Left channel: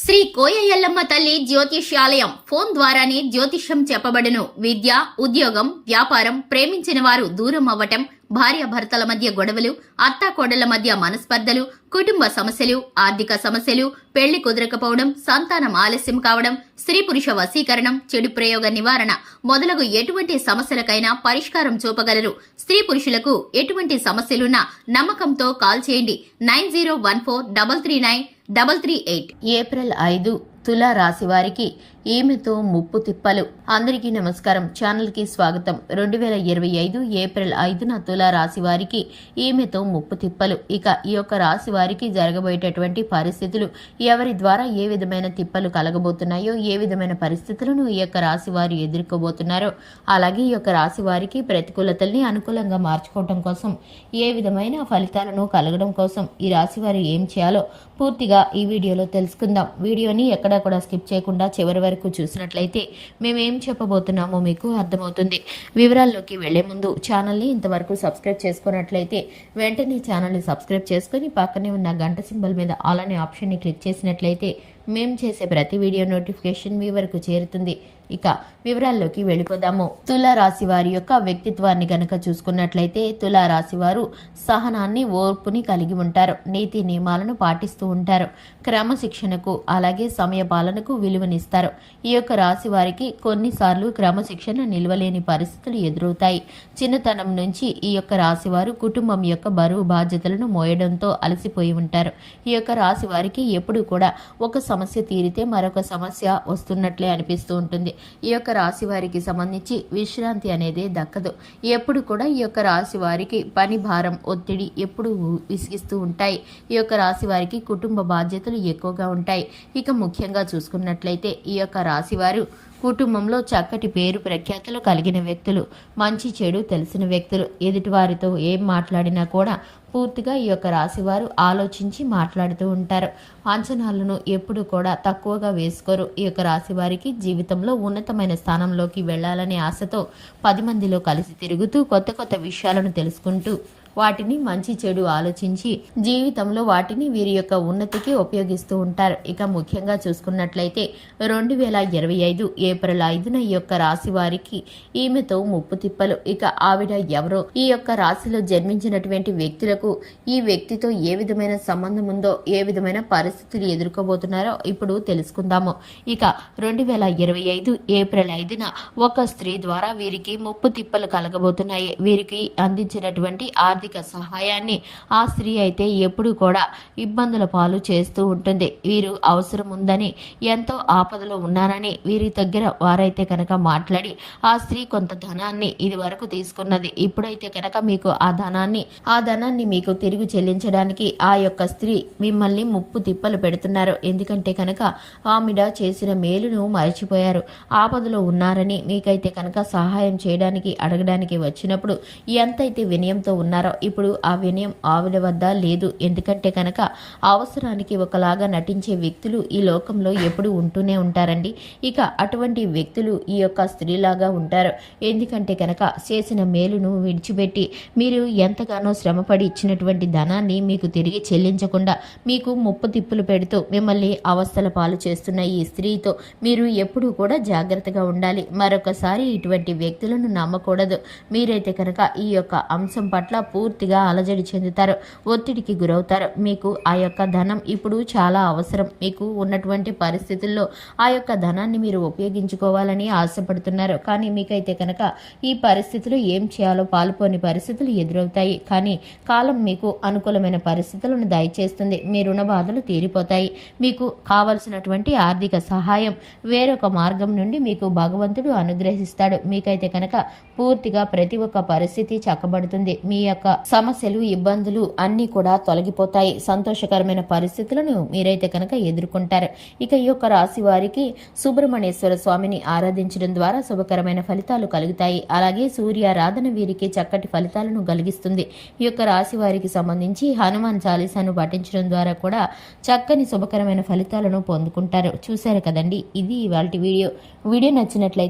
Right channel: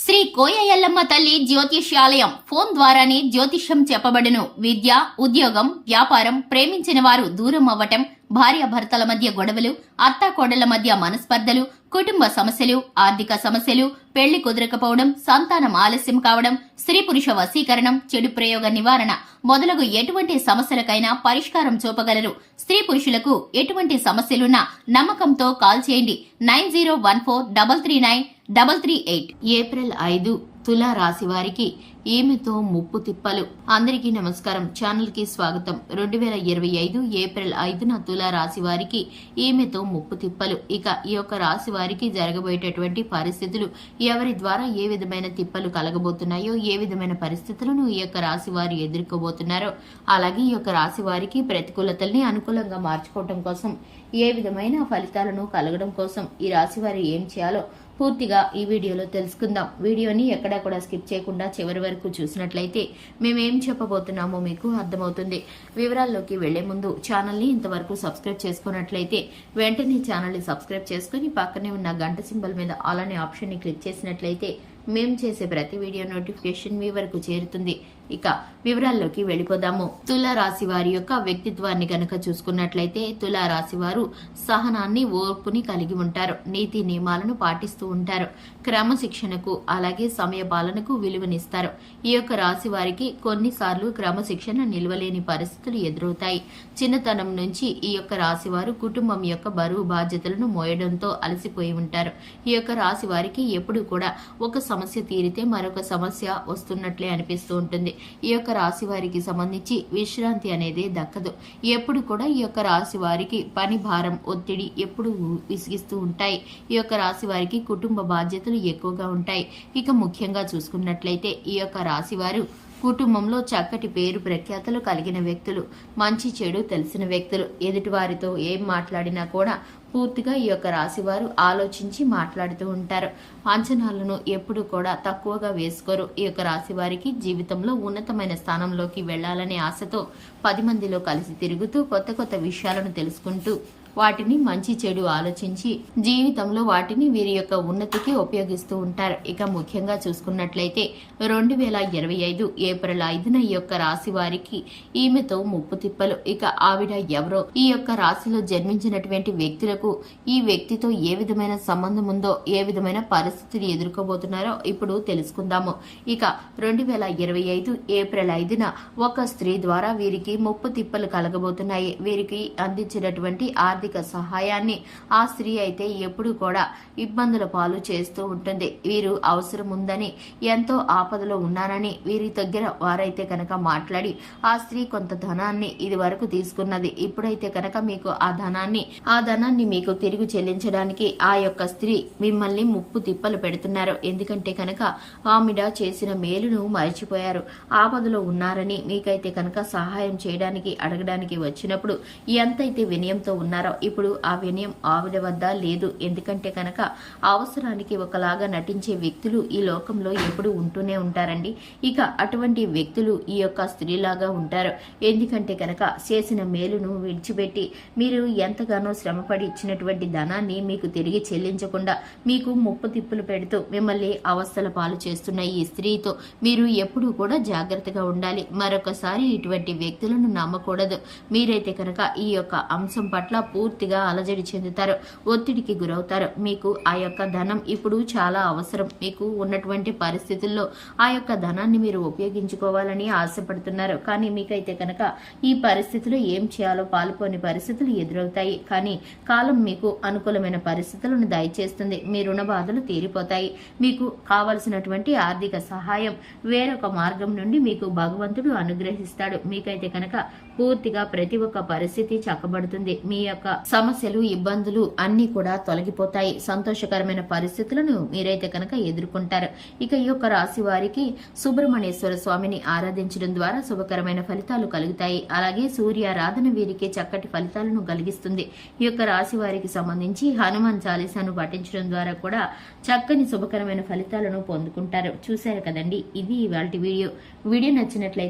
శ్రీ కోయ ఎల్లమ్మ తల్లి జ్యోతిష్యాలయం ఫోన్ ద్వారానే జ్యోతిష్యం చెప్పబడును. విద్య, ఉద్యోగం, వ్యాపారం, ప్రేమించిన వారు దూరం అవ్వటం, భార్యాభర్తల మధ్య గొడవలు, అత్తాకోడళ్ల మధ్య మనస్పర్ధలు, కుటుంబ సమస్యలు, ఆర్థిక సమస్యలు, పెళ్లి కుదరకపోవడం, సంతానం ఆలస్యం కావడం, స్త్రీ పురుష వశీకరణం, చెడు ప్రయోగ నివారణ మొదలగు ఎటువంటి సమస్యలకైనా పరిష్కారం చూపగలరు. స్త్రీ పురుషులకు ఎటువంటి సమస్యలున్నా నమ్మకంతో కాల్ చేయండి. 9014339338. ఏప్రిల్ 5 తులా రాశి వారికి ఈమెతో ముప్పు తిప్పలు. అందరికీ నమస్కారం. ఛానల్ కి స్వాగతం. 2025 ఏప్రిల్ 5న తులా రాశి వారికి ఈమెతో ముప్పు తిప్పలు. ఇక ఈ యొక్క రాశి వారికి జరగబోయేటటువంటి పరిస్థితులు, ఎవరి ద్వారా ఏ విధమైన తిప్పలు కలగబోతున్నాయో, ఏ విధమైన పరిస్థితులను ఈ యొక్క రాశి వారు ఎదుర్కోబోతున్నారో, అలాగే ఈ యొక్క రాశి వారికి ప్రతికూలతల్ని అనుకూలంగా మార్చుకోవడం కోసం, ఏ విధమైన ఫలితాలను కలగడం కోసం ఈ రాశి వారు ఏం చేయాలో పూర్తిగా ఈ వీడియోలో తెలుసుకుందాం. వీడియోని ఎక్కడా స్కిప్ చేయకుండా చివరి వరకు చూసినట్లయితే మేమేం చెప్పబోతున్నామో మీకు అర్థమవుతుంది. వివరాల్లోకి వెళ్లే ముందు ఛానల్ని ఇంతవరకు సబ్స్క్రైబ్ చేసుకున్నట్లయితే వెంటనే ఛానల్ని సబ్స్క్రైబ్ చేసుకుని పక్కనే ఉన్న గంట సింబల్ మీద ఆల్ అనే ఆప్షన్ని క్లిక్ చేసినట్లయితే మేము చేసే ప్రతి వీడియో నోటిఫికేషన్ మీ వరకు చేరుతుంది. ఇక వివరాల్లోకి వెళ్ళిపోదాము. తులా రాశి వారి యొక్క వ్యక్తిత్వాన్ని గనక చూసుకున్నట్లయితే తులా రాశి వారు సహనాన్ని, ఓర్పుని కలిగి ఉంటారు. నీతి నియమాలను పాటిస్తూ ఉంటారు. క్రమశిక్షణకు అలాగే సమయ పాలనకు విలువనిస్తారు. ఈ యొక్క రాశి వారికి కొన్నిసార్లు క్రమశిక్షణ నిలవలేని పరిస్థితులు ఎదురవుతాయి. చిన్నతనం నుంచి ఈ యొక్క రాశి వారు కుటుంబం యొక్క బరువు బాధ్యతలను మోయడంతో అలసిపోయి ఉంటారు. ఈ యొక్క రాశి వారికి ఎప్పుడు కూడా ఒక సమస్య తీరితే మరొక సమస్య వస్తున్నట్లే అనిపిస్తూ ఉంటుంది. ఈ యొక్క రాశి వారికి సంబంధించి విశ్రాంతి అనేది దక్కదు. ఎప్పుడు కూడా ఈ యొక్క రాశి వారికి పని భారం, ఒత్తిడి ఎప్పుడు విసిగిస్తూ ఉంటాయి. ఈ యొక్క రాశి వారికి కుటుంబ బాధ్యతలు ఎక్కువగా ఉంటాయి. ఇక ముఖ్యంగా చూసుకున్నట్లయితే ఈ యొక్క రాశి వారు కుటుంబంలో చక్కటి పేరు ప్రఖ్యాతలు కలిగిన వ్యక్తులు, మంచి చెడు తెలిసిన వ్యక్తులు. ఎదుటివారితో ఏం మాట్లాడినా కూడా పూర్తిగా ఈ యొక్క రాశివారు ఆలోచించి మాట్లాడుతూ ఉంటారు. అంచనాలను ఎప్పుడు కూడా తక్కువగా వేసుకోరు. ఈ యొక్క రాశి వారికి జీవితంలో ఉన్నతమైన స్థానంలోకి వెళ్లాలనే ఆశతో 10 మందిలో కలిసి తిరుగుతూ కొత్త విషయాలను తెలుసుకుంటూ వాటిని మంచి చెడు ఆలోచించి జీవితంలో వాటిని వీరి యొక్క ఉన్నతికి ఉపయోగిస్తూ ఉంటారు. ఇక ముఖ్యంగా చూసుకున్నట్లయితే 2025 ఏప్రిల్ 5న ఈ యొక్క రాశి వారికి ఈమెతో ముప్పు తిప్పలు. ఇక ఆవిడ ఎవరో, ఈ యొక్క రాశిలో జన్మించినటువంటి వ్యక్తులకు ఈ వ్యక్తితో ఏ విధమైన సంబంధం ఉందో, ఏ విధమైన పరిస్థితులు ఎదుర్కోబోతున్నారో ఇప్పుడు తెలుసుకుందాము. ఇక 2025 ఏప్రిల్ 5న ఒక స్త్రీ ద్వారా వీరికి ముప్పు తిప్పలు కలగబోతున్నాయి. వీరికి అందించినటువంటి ఆర్థిక సహాయాన్ని ఆ స్త్రీ అయితే ఎప్పుడు కూడా ఇబ్బందుల పాలు చేస్తూ ఉంటుంది. వీరు అవసరం ఉందని, ఎంతో ఆపదలో ఉన్నారని వీరి దగ్గర వారైతే కనుక మాట్లాడి ఆ స్త్రీ కొంత ధనాన్ని ఇది వరకు తీసుకున్నది, ఇప్పుడైతే కనుక మీకు ఆ ధనాన్ని మీకు తిరిగి చెల్లించడానికి ఆ యొక్క స్త్రీ మిమ్మల్ని ముప్పు తిప్పలు పెడుతున్నారు. ఎందుకంటే కనుక ఆమెడ చేసిన మేలును మర్చిపోయారు. ఆపదలో ఉన్నారని మీకైతే కనుక సహాయం చేయడానికి అడగడానికి వచ్చినప్పుడు ఎంతైతే వినయంతో ఉన్నారో ఇప్పుడు ఆ వినయం ఆవిడ వద్ద లేదు. ఎందుకంటే కనుక అవసరానికి ఒకలాగా నటించే వ్యక్తులు ఈ లోకంలో ఎప్పుడు ఉంటూనే ఉంటారండి. ఇక అటువంటి వ్యక్తులు ఈ యొక్క స్త్రీలాగా ఉంటారు. ఎందుకంటే కనుక చేసిన మేలును విడిచిపెట్టి మీరు ఎంతగానో శ్రమపడి ఇచ్చినటువంటి ధనాన్ని మీకు తిరిగి చెల్లించకుండా మీకు ముప్పు తిప్పులు పెడుతూ మిమ్మల్ని అవస్థల పాలు చేస్తున్న ఈ స్త్రీతో మీరు ఎప్పుడూ కూడా జాగ్రత్తగా ఉండాలి. మరొకసారి ఇటువంటి వ్యక్తులను నమ్మకూడదు. మీరైతే కనుక ఈ యొక్క అంశం పట్ల పూర్తిగా అలజడి చెందుతారు, ఒత్తిడికి గురవుతారు. మీకు ఆ యొక్క ధనం ఇప్పుడు చాలా అవసరం. మీకు ఉన్నటువంటి పరిస్థితుల్లో ఆ యొక్క ధనాన్ని మీరు ఉపయోగించుకోవాలని ఆశపడుతున్నారు. కానీ మీకైతే కనుక ఈ పరిస్థితులు ఏం చేయాలో పాల్పోని పరిస్థితులు ఎదురవుతాయి. కానీ కాలం మీకు అనుకూలమైన పరిస్థితులను దయచేస్తుంది. మీ రుణ బాధలు తీరిపోతాయి. మీకు కావలసినటువంటి ఆర్థిక సహాయం వేరొక మార్గం నుండి మీకు భగవంతుడు అనుగ్రహిస్తాడు. మీకైతే కనుక పూర్తిగా ప్రతి ఒక్క పరిస్థితి చక్కబడుతుంది. మీ యొక్క సమస్యలు, ఇబ్బందులు అన్నీ కూడా తొలగిపోతాయి. సంతోషకరమైన పరిస్థితులను మీరైతే కనుక ఎదుర్కొంటారు. ఇక ఈ యొక్క రాశి వారికి సుబ్రహ్మణ్యేశ్వర స్వామిని ఆరాధించడం ద్వారా శుభకరమైన ఫలితాలు కలుగుతాయి. అలాగే సూర్యారాధన వీరికి చక్కటి ఫలితాలను కలిగిస్తుంది. ఈ యొక్క రాశి వారికి సంబంధించి హనుమాన్ చాలీసాను పఠించడం ద్వారా కూడా చక్కని శుభకరమైన ఫలితాలను పొందుకుంటారు. చూశారు కదండి, ఇది ఇవాల్టి వీడియో నచ్చినట్లయితే